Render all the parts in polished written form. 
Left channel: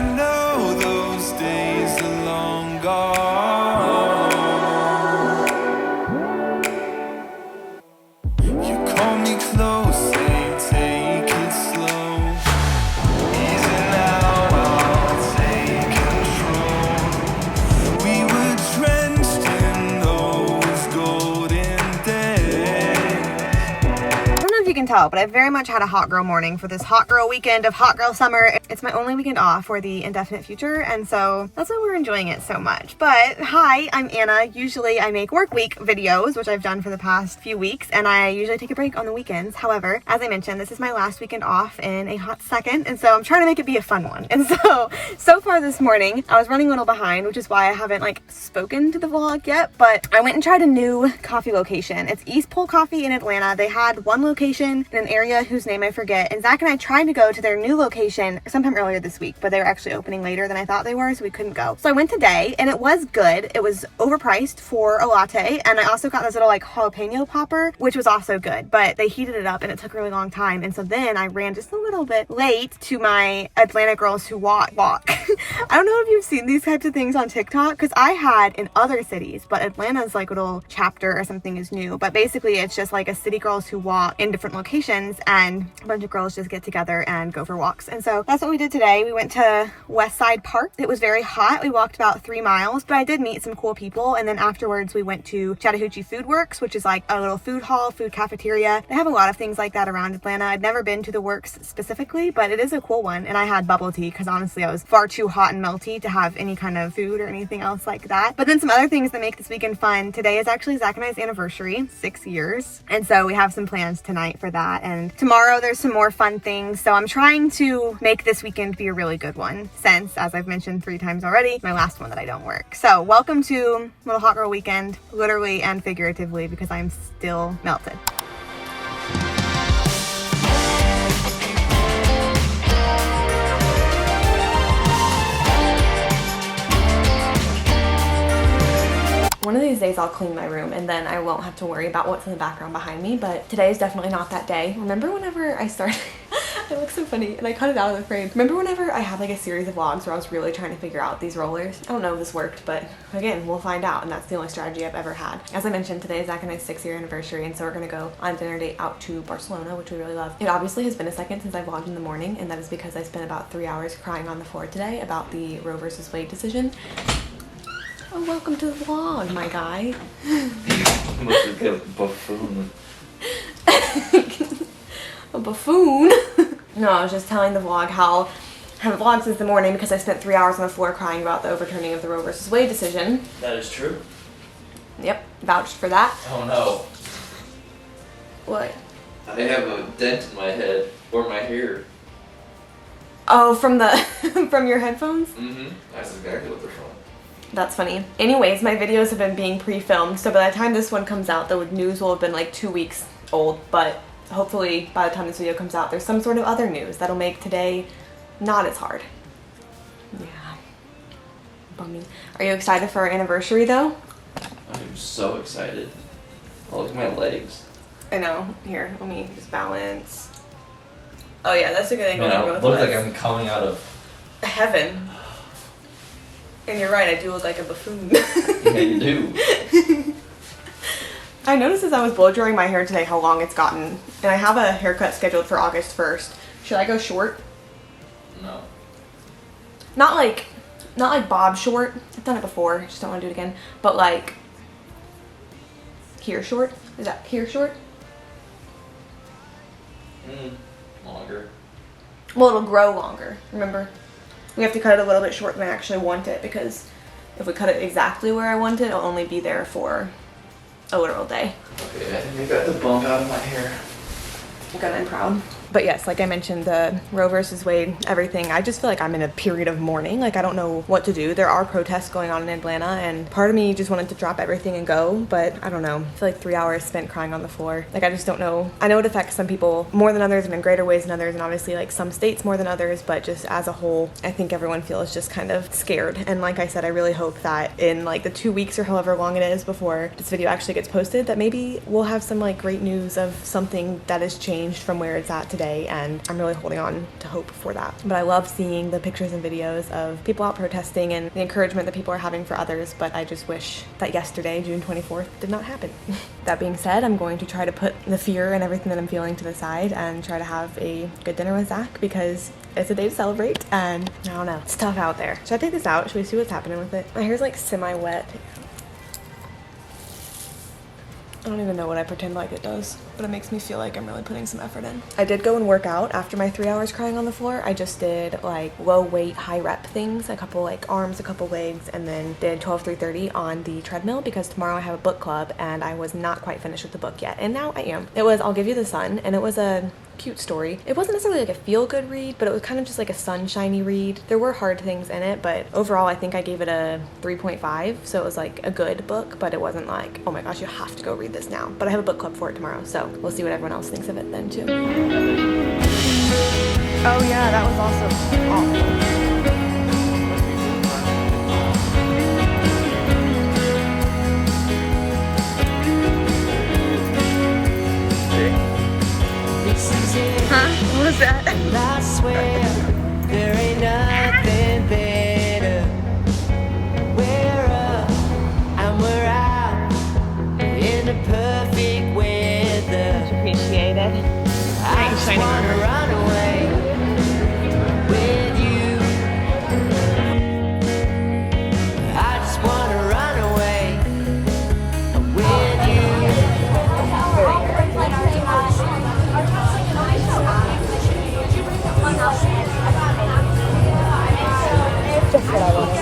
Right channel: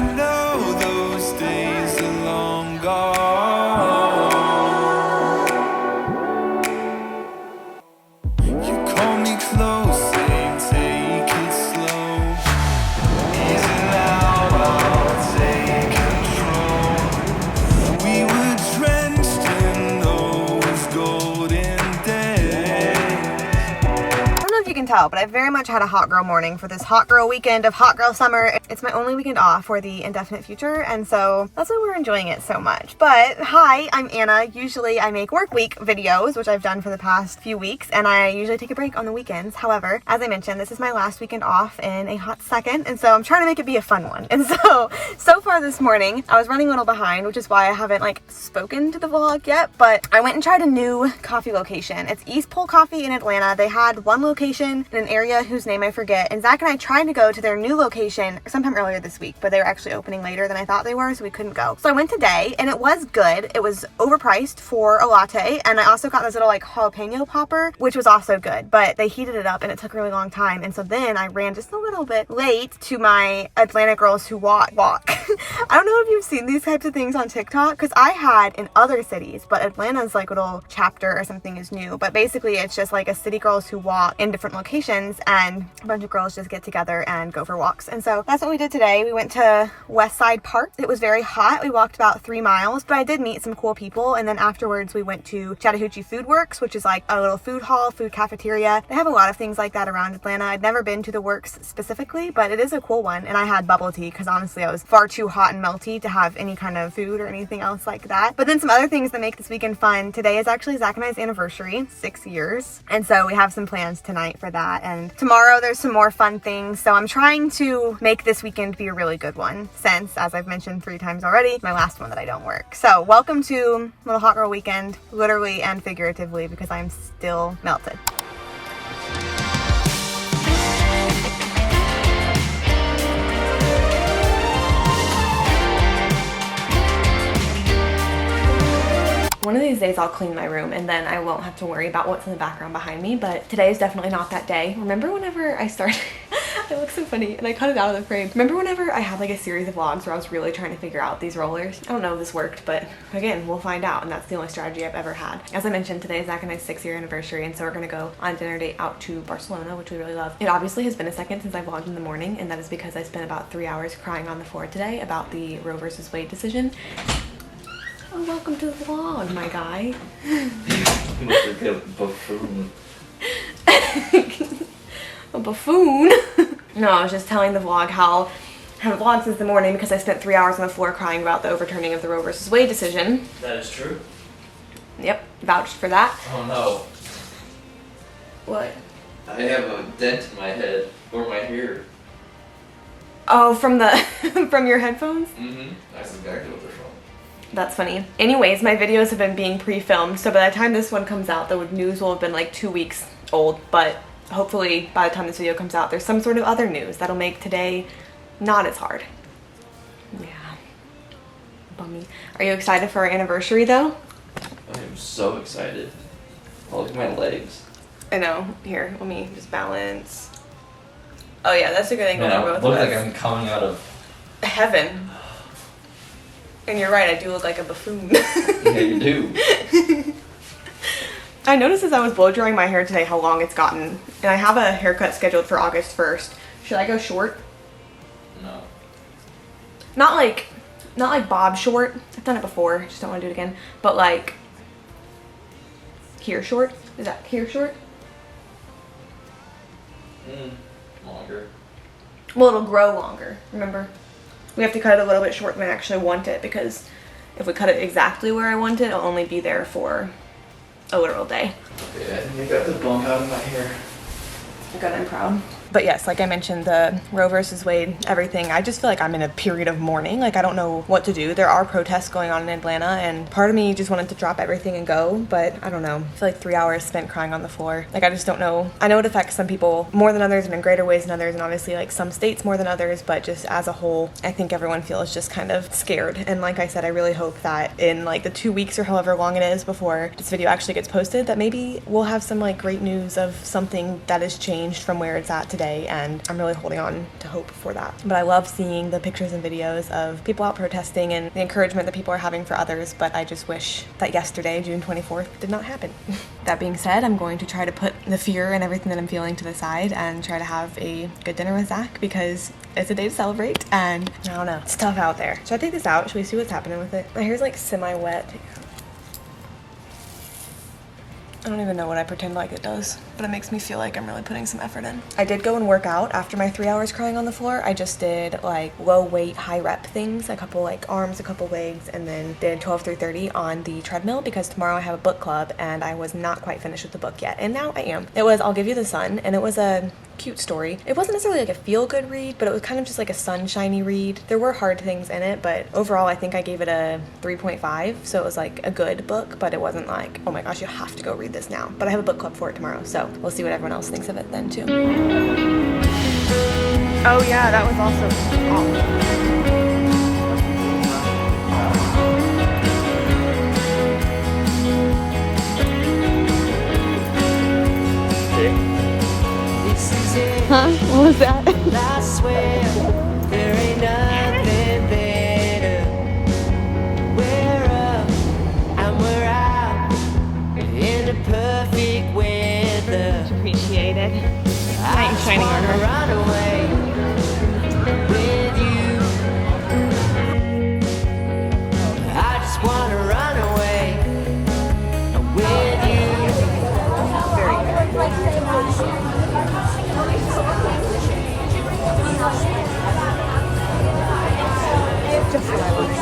know those days are long gone. You call me close, saying take it slow. Easy now, I'll take control. We were drenched in those golden days. I don't know if you can tell, but I very much had a hot girl morning for this hot girl weekend of hot girl summer. It's my only weekend off for the indefinite future, and so that's why we're enjoying it so much. But hi, I'm Anna. Usually I make work week videos, which I've done for the past few weeks, and I usually take a break on the weekends. However, as I mentioned, this is my last weekend off in a hot second, and so I'm trying to make it be a fun one. And so far this morning, I was running a little behind, which is why I haven't spoken to the vlog yet, but I went and tried a new coffee location. It's East Pole Coffee in Atlanta. They had one location in an area whose name I forget, and Zach and I tried to go to their new location sometime earlier this week, but they were actually opening later than I thought they were, so we couldn't go. So I went today, and it was good. It was overpriced for a latte, and I also got this little jalapeno popper, which was also good, but they heated it up and it took a really long time, and so then I ran just a little bit late to my Atlanta Girls Who Walk. I don't know if you've seen these types of things on TikTok, because I had in other cities, but Atlanta's little chapter or something is new, but basically it's just a city girls who walk in different locations, and a bunch of girls just get together and go for walks. And so that's what we did today. We went to West Side Park. It was very hot. We walked about 3 miles, but I did meet some cool people, and then afterwards we went to Chattahoochee Food Works, which is a little food hall, food cafeteria. They have a lot of things like that around Atlanta. I'd never been to the Works specifically, but it is a cool one, and I had bubble tea because honestly I was far too hot and melty to have any kind of food or anything else like that. But then some other things that make this weekend fun. Today is actually Zach and I's anniversary, 6 years, and so we have some plans tonight for that, and tomorrow there's some more fun things. So I'm trying to make this weekend be a really good one, since, as I've mentioned 3 times already, my last one that I don't work. So welcome to Little Hot Girl Weekend, literally and figuratively, because I'm still melted. One of these days I'll clean my room and then I won't have to worry about what's in the background behind me, but today is definitely not that day. Remember whenever I started, I look so funny and I cut it out of the frame. Remember whenever I had a series of vlogs where I was really trying to figure out these rollers? I don't know if this worked, but again, we'll find out, and that's the only strategy I've ever had. As I mentioned, today is Zach and I's 6-year anniversary, and so we're gonna go on a dinner date out to Barcelona, which we really love. It obviously has been a second since I vlogged in the morning, and that is because I spent about 3 hours crying on the floor today about the Roe versus Wade decision. Oh, welcome to the vlog, my guy. Buffoon. A buffoon? No, I was just telling the vlog how I haven't vlogged since the morning because I spent 3 hours on the floor crying about the overturning of the Roe versus Wade decision. That is true. Yep, vouched for that. Oh no. What? I have a dent in my head, or my hair. Oh, from the from your headphones? Mm-hmm. That's exactly what they're called. That's funny. Anyways, my videos have been being pre-filmed, so by the time this one comes out, the news will have been 2 weeks old, but hopefully by the time this video comes out, there's some sort of other news that'll make today not as hard. Yeah. Bummy. Are you excited for our anniversary, though? I'm so excited. Oh, look at my legs. I know. Here, let me just balance. Oh yeah, that's a good angle. Man, I both look of like us. I'm coming out of Heaven. And you're right, I do look like a buffoon. Yeah, you do. I noticed as I was blow drying my hair today how long it's gotten, and I have a haircut scheduled for August 1st. Should I go short? No. Not like bob short. I've done it before, just don't want to do it again. But here short? Is that here short? Longer. Well, it'll grow longer, remember? We have to cut it a little bit short than I actually want it, because if we cut it exactly where I want it, it'll only be there for a literal day. Okay, I think I got the bump out of my hair. Good, I'm proud. But yes, like I mentioned, the Roe versus Wade, everything, I just feel like I'm in a period of mourning. I don't know what to do. There are protests going on in Atlanta, and part of me just wanted to drop everything and go, but I don't know. I feel like 3 hours spent crying on the floor. I just don't know. I know it affects some people more than others and in greater ways than others, and obviously some states more than others, but just as a whole, I think everyone feels just kind of scared. And like I said, I really hope that in the 2 weeks or however long it is before this video actually gets posted, that maybe we'll have some great news of something that has changed from where it's at today. today, and I'm really holding on to hope for that. But I love seeing the pictures and videos of people out protesting and the encouragement that people are having for others, but I just wish that yesterday, June 24th, did not happen. That being said, I'm going to try to put the fear and everything that I'm feeling to the side and try to have a good dinner with Zach, because it's a day to celebrate, and I don't know, it's tough out there. Should I take this out? Should we see what's happening with it? My hair's like semi-wet. I don't even know what I pretend like it does, but it makes me feel like I'm really putting some effort in. I did go and work out after my 3 hours crying on the floor. I just did like low weight, high rep things, a couple like arms, a couple legs, and then did 12 through 30 on the treadmill, because tomorrow I have a book club and I was not quite finished with the book yet. And now I am. It was I'll Give You the Sun, and it was a cute story. It wasn't necessarily like a feel-good read, but it was kind of just like a sunshiny read. There were hard things in it, but overall I think I gave it a 3.5, so it was like a good book, but it wasn't like, oh my gosh, you have to go read this now. But I have a book club for it tomorrow, so we'll see what everyone else thinks of it then too. Oh yeah, that was also awful. Huh? What was that? I swear there ain't nothing better. We're up and we're out in the perfect weather. Appreciate it. I just wanna run away with you. I just wanna run away with you. Just what I wanted.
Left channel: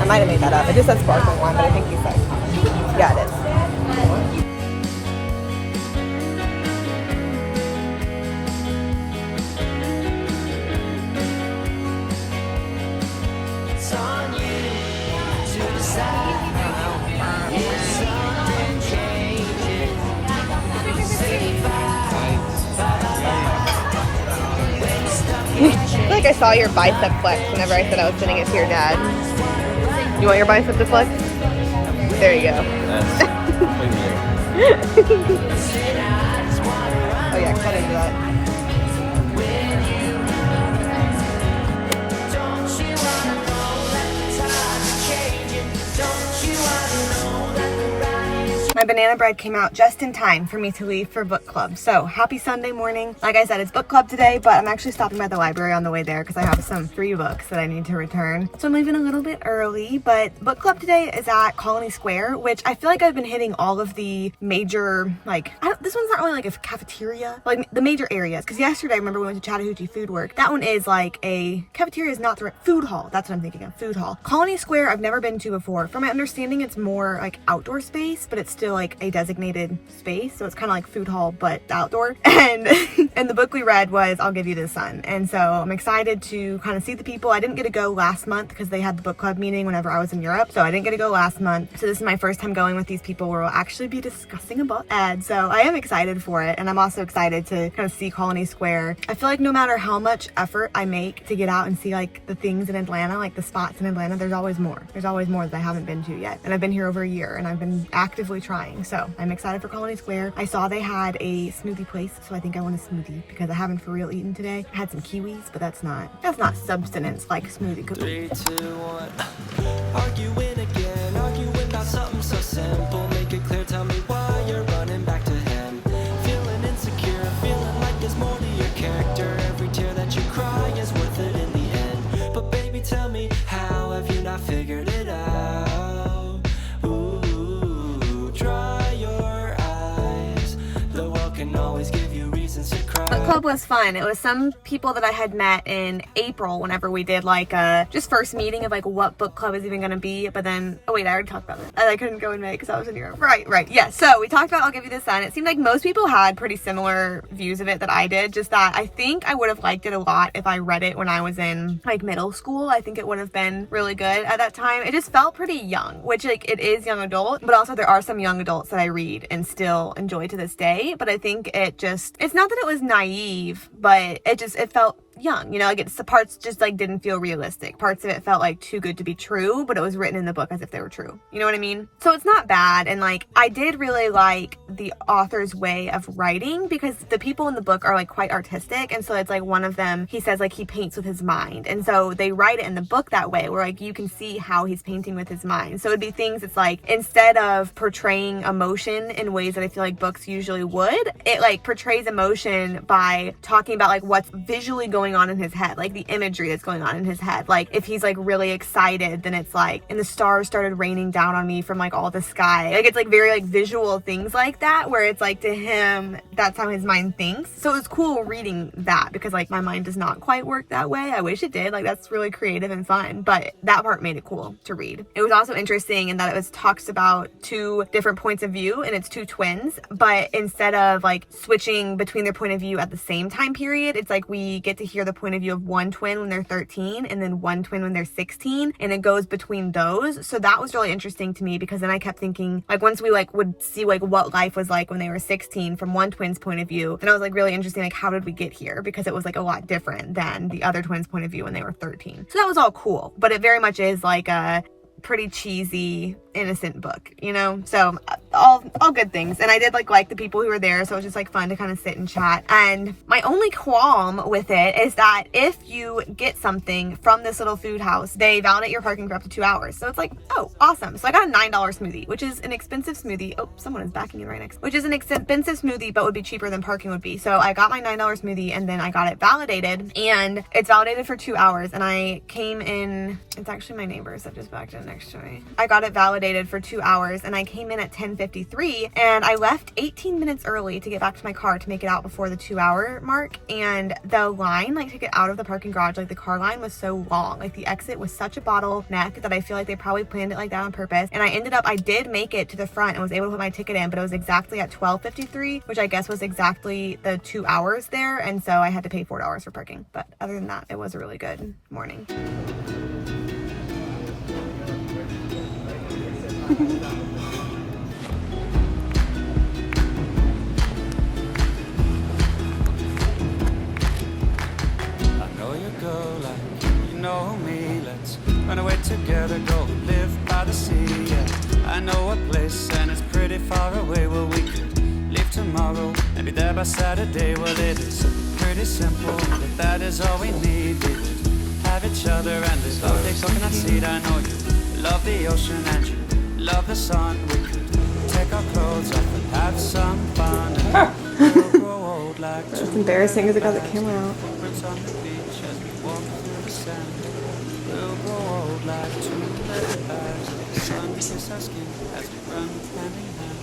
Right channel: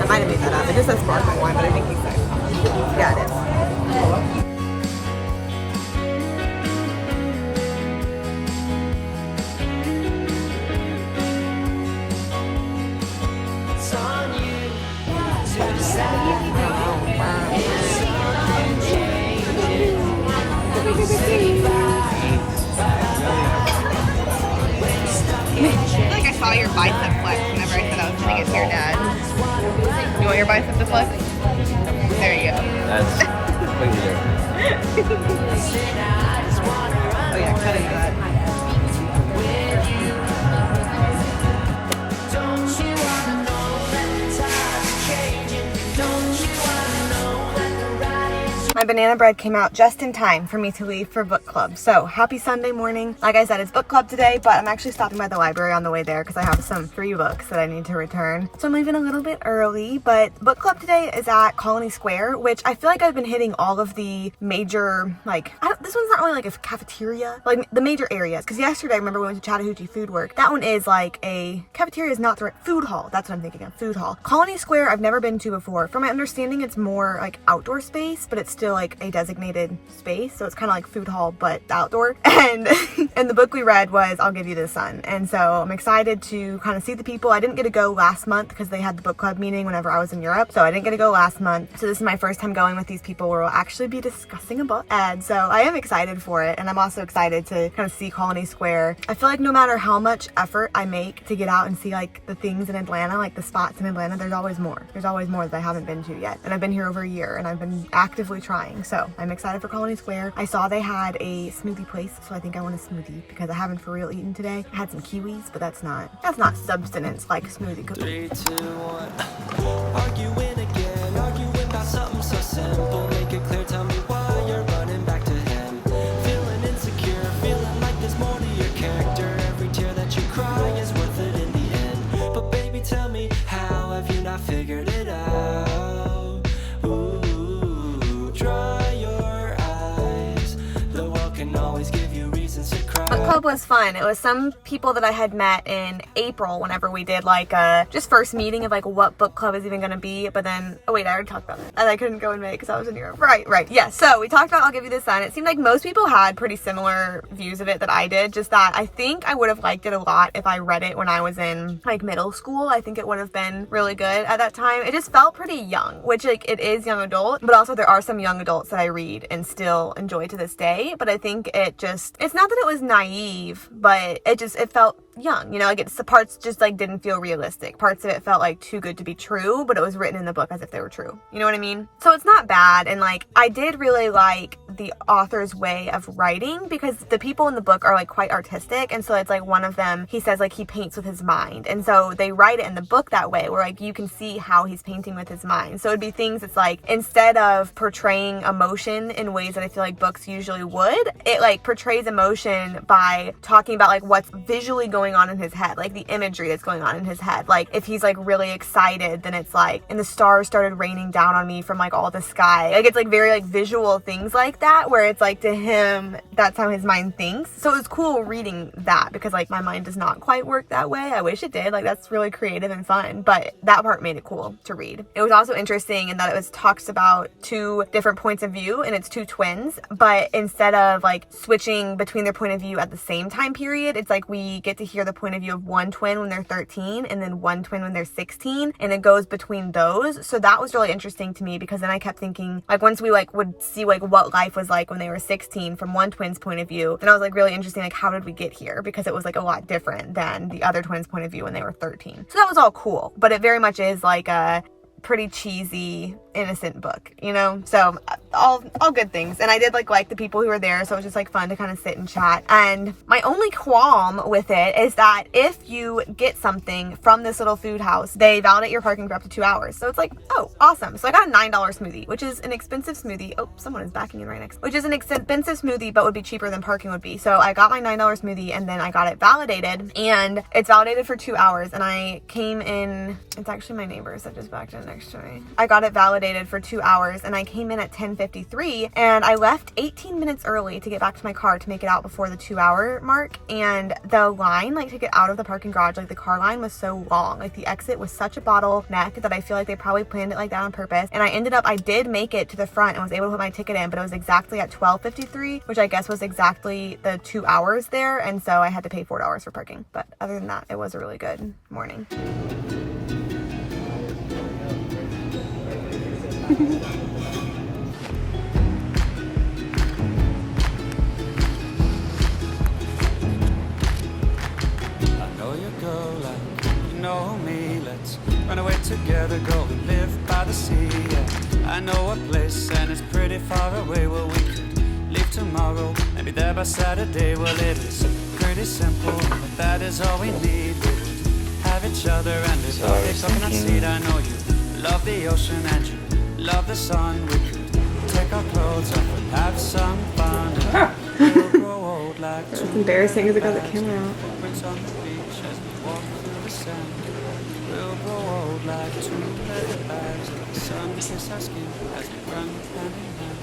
I might have made that up. It just says sparkling wine, but I think you said you got it. It's on you to decide if something changes. Say bye, bye, bye, bye. When you're stuck in I feel like I saw your bicep flex whenever I said I was gonna get to your dad. You want your bicep to flex? There you go. That's way weird. say I just wanna run away with you. Don't you wanna know that the tide's changing? Don't you wanna know that the ride is My banana bread came out just in time for me to leave for book club. So happy Sunday morning. Like I said, it's book club today, but I'm actually stopping by the library on the way there because I have some free books that I need to return. So I'm leaving a little bit early, but book club today is at Colony Square, which I feel like I've been hitting all of the major, this one's not really like a cafeteria, like the major areas. Because yesterday, I remember we went to Chattahoochee Food Work. That one is like a cafeteria, is not the right, food hall. That's what I'm thinking of, food hall. Colony Square, I've never been to before. From my understanding, it's more like outdoor space, but it's still like a designated space. So it's kind of like food hall, but outdoor. And and the book we read was I'll Give You the Sun. And so I'm excited to kind of see the people. I didn't get to go last month because they had the book club meeting whenever I was in Europe. So I didn't get to go last month. So this is my first time going with these people where we'll actually be discussing a book. And so I am excited for it. And I'm also excited to kind of see Colony Square. I feel like no matter how much effort I make to get out and see like the things in Atlanta, like the spots in Atlanta, there's always more. There's always more that I haven't been to yet. And I've been here over a year and I've been actively trying. So I'm excited for Colony Square. I saw they had a smoothie place, so I think I want a smoothie because I haven't for real eaten today. I had some kiwis, but that's not substance like smoothie cookie. 3, 2, 1. Arguing again, arguing about something so simple. Make it clear, tell me why you're running back to him. Feeling insecure, feeling like there's more to your character. Every tear that you cry is worth it in the end. But baby, tell me, how have you not figured it out? Ooh, dry your eyes. The world can always give you reasons to cry. Book club was fun. It was some people that I had met in April whenever we did like a just first meeting of like what book club is even going to be. But then, oh wait, I already talked about it. And I couldn't go in May because I was in Europe. Right. Yes. So we talked about I'll Give You the Sun. It seemed like most people had pretty similar views of it that I did. Just that I think I would have liked it a lot if I read it when I was in like middle school. I think it would have been really good at that time. It just felt pretty young, which like it is young adult, but also there are some young adults that I read and still enjoy to this day. But I think it's not that it was naive, but it felt young, you know, like it's the parts just like didn't feel realistic. Parts of it felt like too good to be true, but it was written in the book as if they were true. You know what I mean? So it's not bad. And like, I did really like the author's way of writing because the people in the book are like quite artistic. And so it's like one of them, he says like he paints with his mind. And so they write it in the book that way where like you can see how he's painting with his mind. So it'd be things, it's like instead of portraying emotion in ways that I feel like books usually would, it like portrays emotion by talking about like what's visually going on in his head, like the imagery that's going on in his head. Like if he's like really excited, then it's like, and the stars started raining down on me from like all the sky. Like it's like very like visual things like that, where it's like to him, that's how his mind thinks. So it was cool reading that because like my mind does not quite work that way. I wish it did. Like that's really creative and fun, but that part made it cool to read. It was also interesting in that it was talks about two different points of view, and it's two twins, but instead of like switching between their point of view at the same time period, it's like we get to hear the point of view of one twin when they're 13 and then one twin when they're 16, and it goes between those. So that was really interesting to me because then I kept thinking like once we like would see like what life was like when they were 16 from one twin's point of view, then I was like really interesting, like how did we get here, because it was like a lot different than the other twin's point of view when they were 13. So that was all cool, but it very much is like a pretty cheesy innocent book, you know? So all good things. And I did like the people who were there, so it was just like fun to kind of sit and chat. And my only qualm with it is that if you get something from this little food house, they validate your parking for up to 2 hours. So it's like, oh, awesome. So I got a $9 smoothie, which is an expensive smoothie. Oh, someone is backing in right next, which is an expensive smoothie, but would be cheaper than parking would be. So I got my $9 smoothie and then I got it validated, and it's validated for 2 hours. And I came in, it's actually my neighbors that just backed in next to me. I got it validated for 2 hours and I came in at 10:53, and I left 18 minutes early to get back to my car to make it out before the 2 hour mark. And the line like to get out of the parking garage, like the car line was so long, like the exit was such a bottleneck that I feel like they probably planned it like that on purpose. And I did make it to the front and was able to put my ticket in, but it was exactly at 12:53, which I guess was exactly the 2 hours there, and so I had to pay $4 for parking. But other than that, it was a really good morning. I know you go like you know me. Let's run away together, go and live by the sea. Yeah, I know a place and it's pretty far away. Well, we could leave tomorrow and be there by Saturday. Well, it is pretty simple, but that is all we need. We would have each other and live off the coconut seed. I know you love the ocean and you love the sun. We could take our clothes off and have some fun. And we'll grow old like That's embarrassing because I got the camera out. Footprints on the beach as we walk through the sand. We'll grow old like two leather bags. Let the sun kiss our skin as we run hand in hand.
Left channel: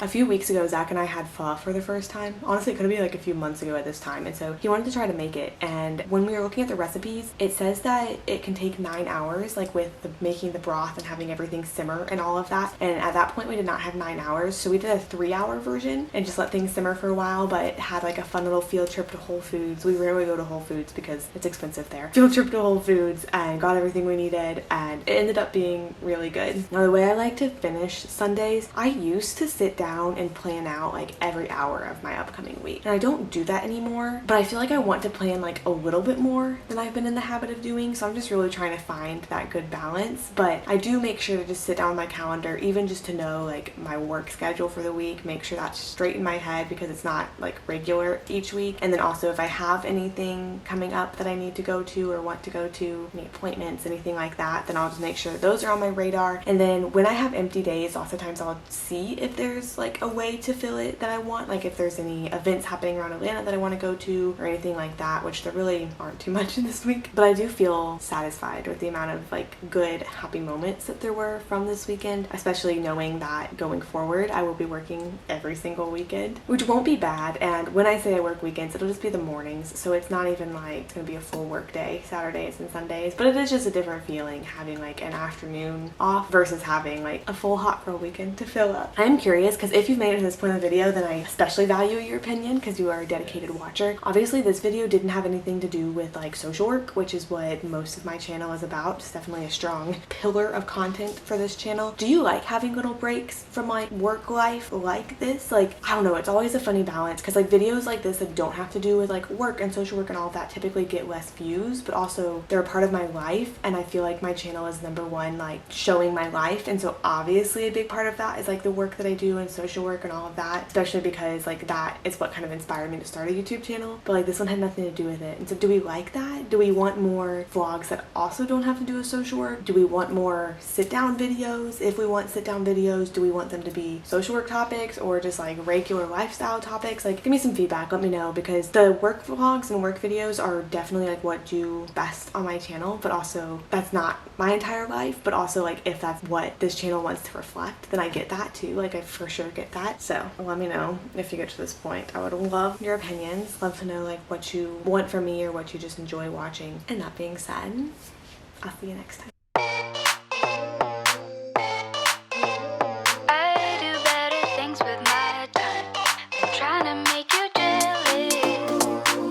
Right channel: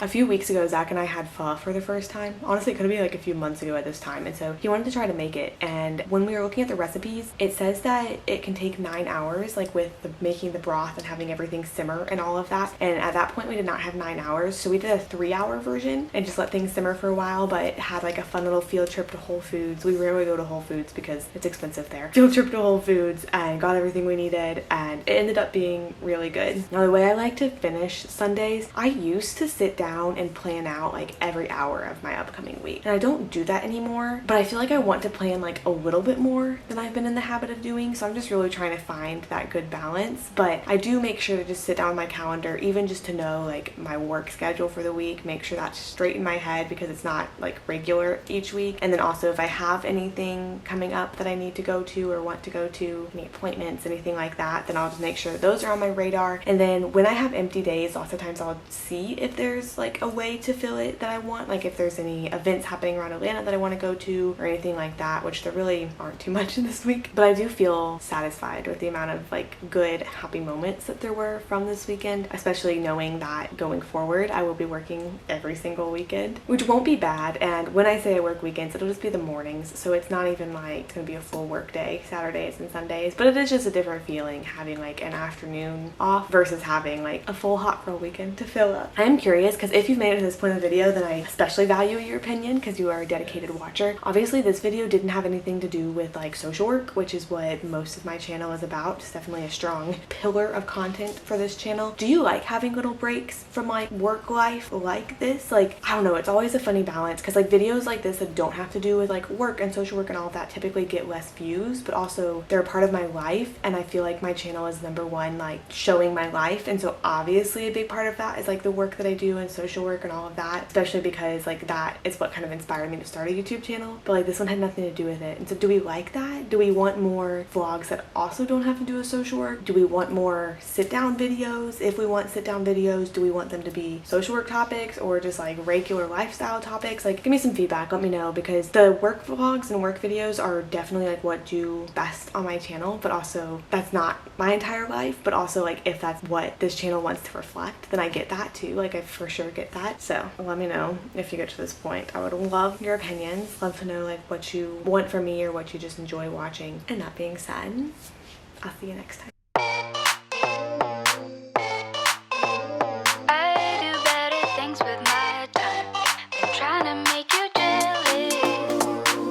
A few weeks ago, Zach and I had pho for the first time. Honestly, it could have been like a few months ago at this time. And so he wanted to try to make it. And when we were looking at the recipes, it says that it can take 9 hours, like with the making the broth and having everything simmer and all of that. And at that point, we did not have 9 hours. So we did a 3-hour version and just let things simmer for a while, but it had like a fun little field trip to Whole Foods. We rarely go to Whole Foods because it's expensive there. Field trip to Whole Foods and got everything we needed, and it ended up being really good. Now, the way I like to finish Sundays, I used to sit down and plan out like every hour of my upcoming week, and I don't do that anymore, but I feel like I want to plan like a little bit more than I've been in the habit of doing. So I'm just really trying to find that good balance, but I do make sure to just sit down on my calendar, even just to know like my work schedule for the week, make sure that's straight in my head because it's not like regular each week. And then also if I have anything coming up that I need to go to or want to go to, any appointments, anything like that, then I'll just make sure those are on my radar. And then when I have empty days, lots of times I'll see if there's like a way to fill it that I want, like if there's any events happening around Atlanta that I want to go to or anything like that, which there really aren't too much in this week. But I do feel satisfied with the amount of like good happy moments that there were from this weekend, especially knowing that going forward I will be working every single weekend, which won't be bad. And when I say I work weekends, it'll just be the mornings, so it's not even like it's gonna be a full work day Saturdays and Sundays, but it is just a different feeling having like an afternoon off versus having like a full hot girl weekend to fill up. I am curious because if if you've made it to this point in the video, then I especially value your opinion because you are a dedicated watcher. Obviously, this video didn't have anything to do with like social work, which is what most of my channel is about. It's definitely a strong pillar of content for this channel. Do you like having little breaks from like work life like this? Like, I don't know, it's always a funny balance because like videos like this that don't have to do with like work and social work and all of that typically get less views, but also they're a part of my life, and I feel like my channel is number one, like showing my life. And so obviously a big part of that is like the work that I do and social work and all of that, especially because like that is what kind of inspired me to start a YouTube channel. But like this one had nothing to do with it. And so do we like that? Do we want more vlogs that also don't have to do with social work? Do we want more sit down videos? If we want sit down videos, do we want them to be social work topics or just like regular lifestyle topics? Like, give me some feedback, let me know, because the work vlogs and work videos are definitely like what do best on my channel, but also that's not my entire life. But also like if that's what this channel wants to reflect, then I get that too. Like I for sure get that. So let me know if you get to this point. I would love your opinions, love to know like what you want from me or what you just enjoy watching. And that being said, I'll see you next time.